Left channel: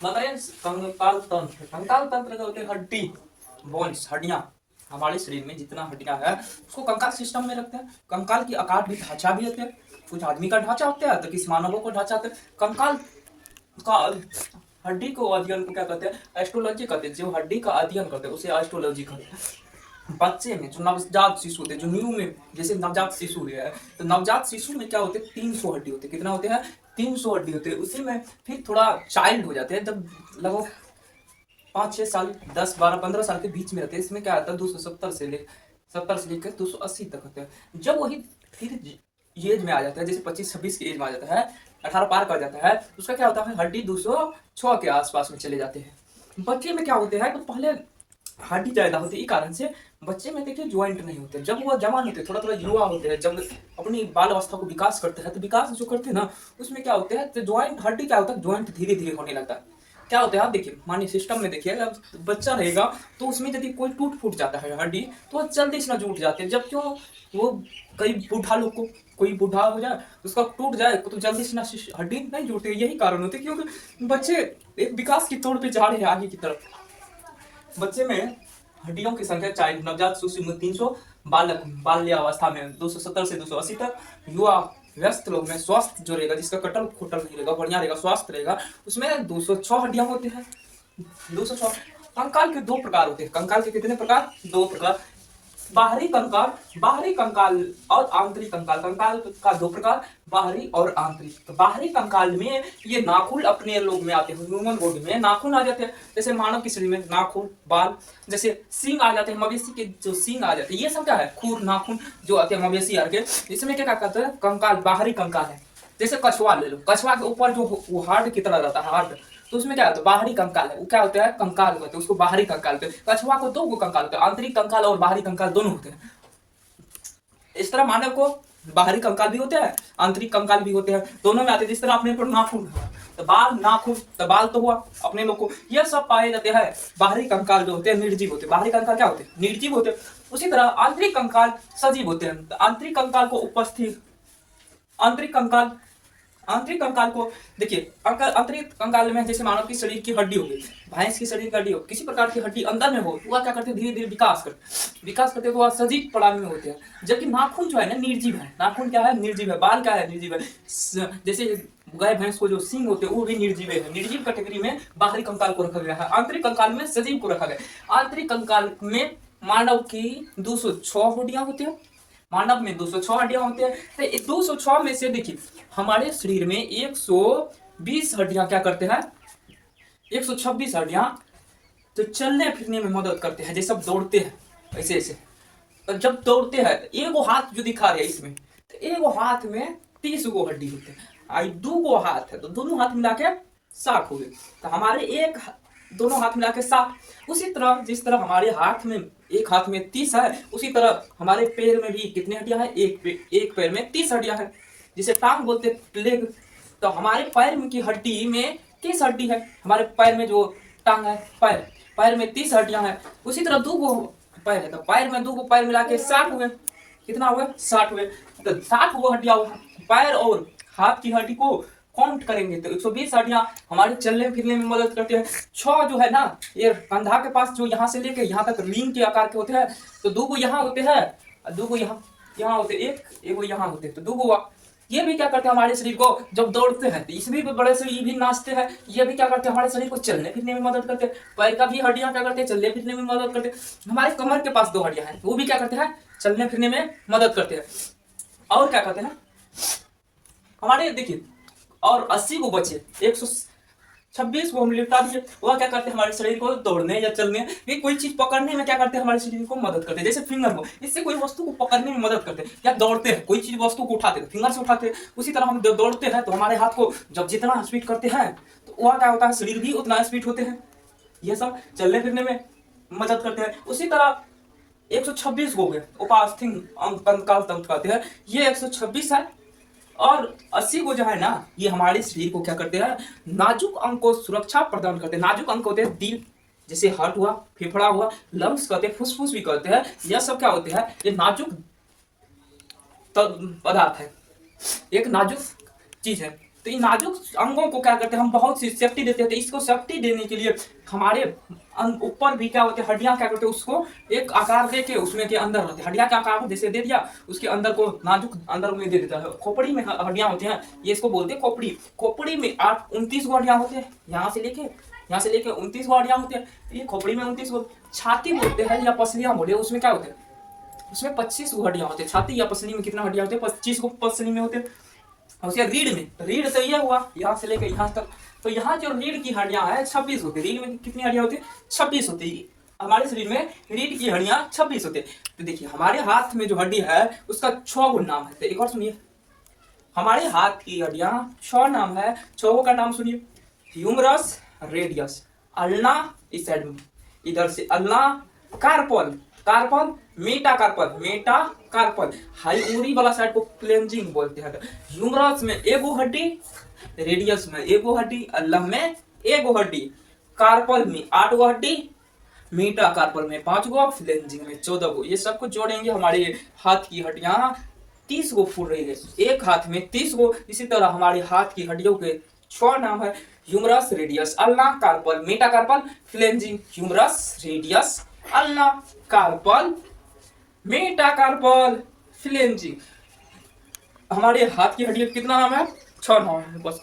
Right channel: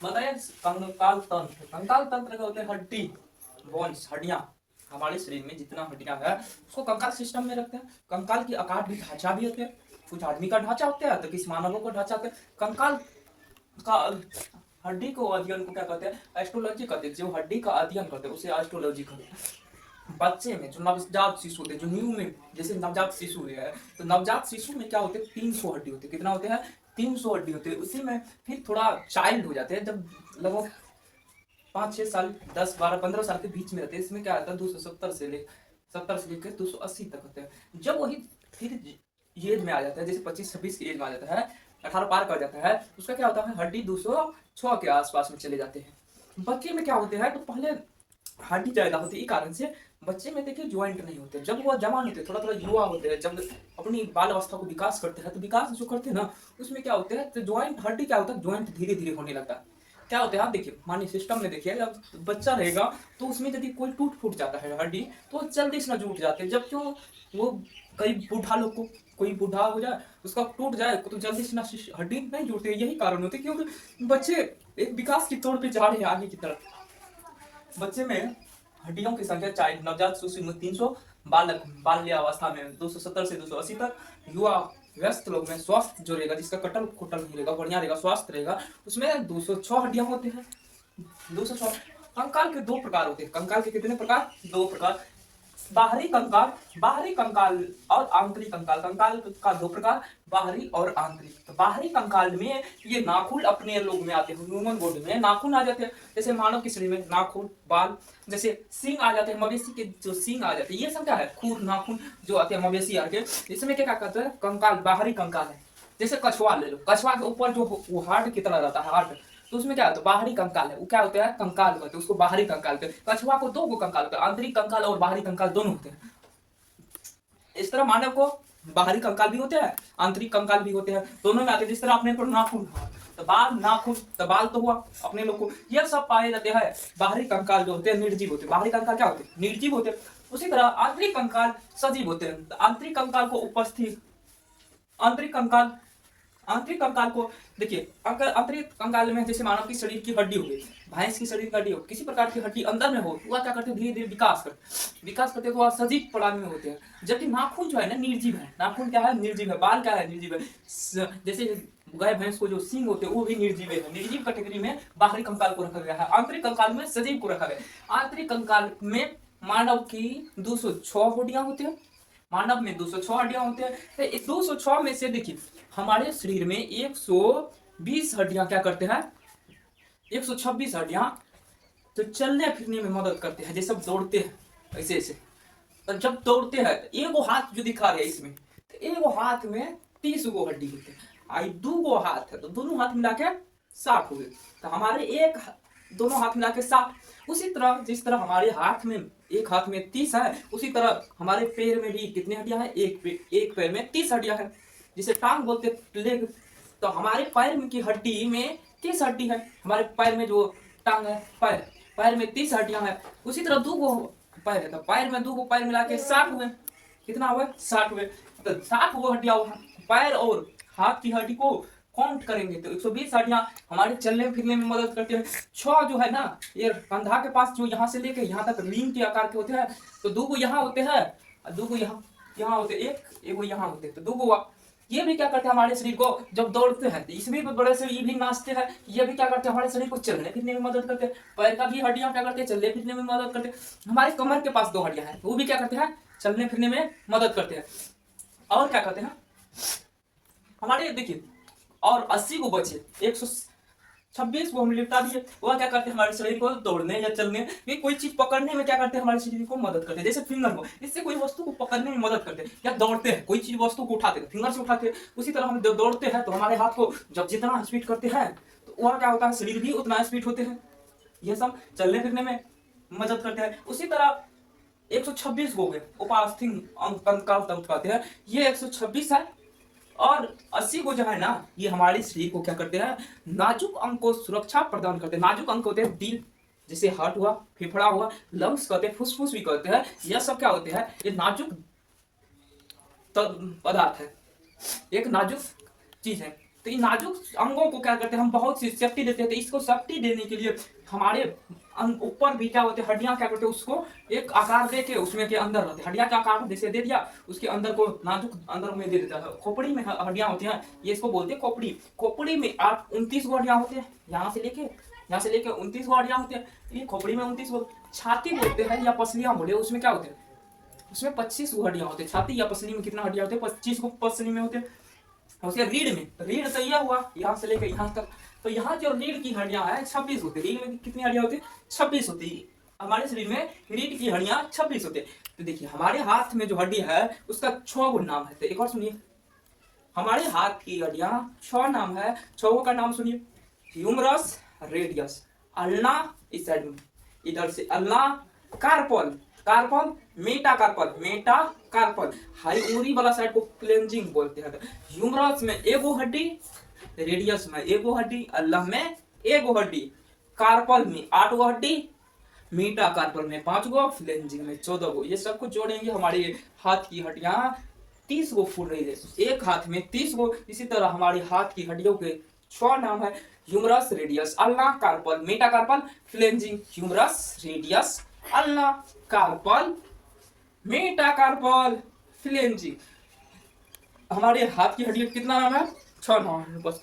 बताइए। कंकाल तंत्र, कंकाल तंत्र का होते हैं हड्डी, बोन्स, हड्डियां। हमारे शरीर में जितना हड्डियां है उसको कंकाल सिस्टम में रखते हैं। कंकाल की आकार भी, ढांचा भी होते हैं। कुछ आदमी का ढांचा होता है तो किसी मानवों का ढांचा होता है। कंकाल का हड्डी को अध्ययन को क्या कहते हैं? एस्ट्रोलॉजी कहते हैं। जो हड्डी का अध्ययन करते हैं उसे एस्ट्रोलॉजी कहते हैं। बच्चे में जो नवजात शिशु होते हैं, जो न्यू में जैसे नवजात शिशु है, तो नवजात शिशु में क्या होते हैं? 300 हड्डी होते हैं। कितना होते हैं? 300 हड्डी होते हैं। उसी में फिर थोड़ा चाइल्ड हो जाते हैं जब लगभग 5-6 साल, 10-12-15 साल के बीच में रहते हैं। इसमें क्या आता है? 270 से लेकर 280 तक होता है। जब वही फिर एज में आ जाता है, जैसे 25-26 की एज में आ जाता है, 18 पार कर जाता है, उसका क्या होता है? हड्डी 206 के आसपास में चले जाते हैं। बच्चे में क्या होते हैं? तो पहले हड्डी ज्यादा होती है, इस कारण से बच्चे में देखिए ज्वाइंट नहीं होते। जब वह जवान होते हैं, थोड़ा थोड़ा युवा होते हैं, जब अपनी बाल अवस्था को विकास करते हैं, तो विकास जो करते हैं ना, उसमें क्या होते हैं? तो ज्वाइंट, हड्डी क्या होता है? ज्वाइंट धीरे धीरे होने लगता है। क्या होता है? आप देखिए, मानिए सिस्टम में देखिए, जब बच्चा रहेगा तो उसमें यदि कोई टूट फूट जाता है हड्डी, तो वो जल्दी से ना जुट जाते हैं। जब क्यों? वो कई बूढ़ा लोग को, कोई बूढ़ा हो जाए, उसका टूट जाए तो जल्दी से ना हड्डी नहीं जुड़ती। यही कारण होते, क्योंकि बच्चे एक विकास की तौर पे जा रहे हैं आगे की तरफ। बच्चे में हड्डियों की संख्या, चाइल्ड नवजात शिशु में 300, बालक बाल्यावस्था में 270 से 280 तक, युवा व्यस्त लोग में स्वास्थ्य जो रहेगा, जिसका कटल खोटल नहीं रहेगा, बढ़िया रहेगा, स्वास्थ्य रहेगा, उसमें 206 हड्डियां होती हैं। 206। कंकाल के दो प्रकार होते हैं। कंकाल के कितने प्रकार? दो प्रकार। बाहरी कंकाल, बाहरी कंकाल और आंतरिक कंकाल। कंकाल का दो प्रकार, बाहरी और आंतरिक। तो बाहरी कंकाल में ये नाखून अपने लोग में आते हैं, ह्यूमन बॉडी में नाखून आ जाते हैं। जैसे मानव की शरीर में नाखून, बाल, जैसे सींग आ जाते हैं, मवेशी के जो सींग आ जाते हैं, ये सब क्या है? खुर, नाखून जो आते हैं मवेशी आर के। इसमें क्या कहते हैं? कंकाल, बाहरी कंकाल है। जैसे कछुआ ले लो, कछुआ के ऊपर जो हार्ड की तरह रहता है, हार्ड, तो उसमें क्या होता है? बाहरी कंकाल है। वो क्या होता है? कंकाल कहते हैं उसको, बाहरी कंकाल कहते हैं। कछुआ को दो कंकाल होते हैं, आंतरिक कंकाल और बाहरी कंकाल दोनों होते हैं। इस तरह मानव को बाहरी कंकाल भी होते हैं, आंतरिक कंकाल भी होते हैं, दोनों में आते हैं। जिस तरह अपने को नाखून, तो बाल, नाखून, तो बाल तो हुआ अपने लोग को, यह सब पाए जाते हैं। बाहरी कंकाल जो होते हैं निर्जीव होते हैं। बाहरी कंकाल क्या होते हैं? निर्जीव होते हैं। उसी तरह आंतरिक कंकाल सजीव होते हैं। आंतरिक कंकाल को उपस्थित, आंतरिक कंकाल, आंतरिक कंकाल को देखिए, आंतरिक कंकाल में जैसे मानव की शरीर की हड्डी हो गई, भैंस की शरीर की हड्डी हो, किसी प्रकार की हड्डी अंदर में हो, वह क्या करते हैं? धीरे धीरे विकास करते हैं, तो वह सजीव प्राणी में होते हैं। जबकि नाखून जो है ना, निर्जीव है। नाखून क्या है? निर्जीव है। बाल क्या है? निर्जीव है। जैसे गाय भैंस को जो सींग होते हैं वो भी निर्जीव है। निर्जीव कैटेगरी में बाहरी कंकाल को रखा गया है। आंतरिक कंकाल में सजीव को रखा गया। आंतरिक कंकाल में मानव की 206 हड्डियां होती हैं। मानव में 206 हड्डियां होती है। तो इस 206 में से देखिए, हमारे शरीर में 120 हड्डियां क्या करते हैं? 126 हड्डियां तो चलने फिरने में मदद करते हैं। जैसे अब दौड़ते हैं ऐसे ऐसे, तो जब दौड़ते हैं, एगो हाथ जो दिखा रहे हैं इसमें, तो एगो हाथ में 30 गो हड्डी होते हैं। आई दो गो हाथ है तो दोनों हाथ मिला के 60 हो गए। तो हमारे दोनों हाथ मिला के 60। उसी तरह जिस तरह हमारे हाथ में, एक हाथ में 30 है, उसी तरह हमारे पैर में भी कितने हड्डियां हैं? एक पैर में 30 हड्डियां हैं। जिसे टांग बोलते हैं, लेग। तो हमारे पैर में की हड्डी में 30 हड्डी है। हमारे पैर में जो टांग है, पैर, पैर में 30 हड्डियां हैं। उसी तरह दो गो पैर है, तो पैर में दो गो पैर मिला के 60 हुए। कितना हुआ? 60 हुए। तो 60 गो हड्डियां पैर और हाथ की हड्डी को काउंट करेंगे तो 120 हड्डियां हमारे चलने फिरने में मदद करते हैं। 6 जो है ना, ये कंधा के पास जो यहाँ से लेके यहाँ तक रिंग के आकार के होते हैं, तो दो गो यहाँ होते हैं और दो गो यहाँ होते हैं, एक यहाँ होते हैं, तो दो गो। ये भी क्या करते हैं? हमारे शरीर को जब दौड़ते हैं तो इसमें भी बड़े से ये भी नाचते हैं। ये भी क्या करते हैं? हमारे शरीर को चलने फिरने में मदद करते हैं। पैर का भी हड्डियां क्या करते हैं? चलने फिरने में मदद करते हैं। हमारे कमर के पास 2 हड्डियां हैं, वो भी क्या करते हैं? चलने फिरने में मदद करते हैं। और क्या करते हैं हमारे, देखिए, और 80 गो बचे, 126 गो हम लिपटा दिए। वह क्या करते हैं? हमारे शरीर को दौड़ने या चलने, ये कोई चीज पकड़ने में क्या करते हैं? हमारे शरीर को मदद करते हैं। जैसे फिंगर को, इससे कोई वस्तु को पकड़ने में मदद करते हैं। या दौड़ते हैं, कोई चीज वस्तु को उठाते हैं, फिंगर से उठाते हैं। उसी तरह हम दौड़ते हैं तो हमारे हाथ को जब जितना स्पीड करते हैं तो वह क्या होता है? शरीर भी उतना स्पीड होते हैं। यह सब चलने फिरने में मदद करते हैं। उसी तरह 126 हो गए, उपास्थि कंकाल तंत्र कहते हैं, ये 126 है। और 80 को जो है ना, ये हमारे शरीर को क्या करते हैं? नाजुक अंग को सुरक्षा प्रदान करते हैं। नाजुक अंग होते हैं दिल, जैसे हार्ट हुआ, फेफड़ा हुआ, लंग्स कहते हैं, फुसफुस भी कहते हैं। यह सब क्या होते हैं? ये नाजुक पदार्थ है, एक नाजुक चीज है। तो इन नाजुक अंगों को क्या करते हैं हम बहुत सी सेफ्टी देते हैं। तो इसको सेफ्टी देने के लिए हमारे ऊपर भी क्या होते हैं हड्डियां क्या करते हैं उसको एक आकार दे के उसमें के अंदर रहते हैं हड्डियां का आकार को जैसे दे दिया उसके अंदर को नाजुक अंदर में दे देता है। खोपड़ी में हड्डियां होती हैं ये इसको बोलते हैं खोपड़ी। खोपड़ी में 29 गो हड्डियां होती है यहाँ से लेके 29 गो हड्डियां होती है। ये खोपड़ी में 29 गो। छाती बोलते हैं या पसलियां बोले उसमें क्या होते हैं उसमें 25 गो हड्डियां होती है। छाती या पसली में कितना हड्डियां होते हैं 25 गो पसली में होते हैं। उसके रीढ़ तो ये हुआ यहाँ से लेकर यहाँ तक। तो यहाँ जो रीढ़ की हड्डियां है 26 होती है। रीढ़ में कितनी हड्डियां होती है 26 होती है। हमारे शरीर में रीढ़ की हड्डियां 26 होती है। तो देखिए हमारे हाथ में जो हड्डी है उसका 6 गो नाम है। तो एक और सुनिए हमारे हाथ की हड्डियां 6 नाम है। 6 का नाम सुनिए ह्यूमरस रेडियस अल्ना इस साइड में इधर से ulna carpal carpal metacarpal हाई उंगली वाला साइड को फ्लेंजिंग बोलते हैं। ह्यूमरस में एगो हड्डी रेडियस में एगो हड्डी अल्लाह में एगो हड्डी कार्पल में 8 गो हड्डी मीटा कार्पल में 5 गो फ्लेंजिंग में 14 गो। ये सबको जोड़ेंगे हमारे हाथ की हड्डियां 30 गो फूट रही है। एक हाथ में 30 गो। इसी तरह हमारे हाथ की हड्डियों के 6 नाम है humerus radius ulna carpal metacarpal phalanges. Humerus radius ulna carpal metacarpal phalanges. हमारे हाथ की हड्डियों कितना नाम है 6 नाम है बस।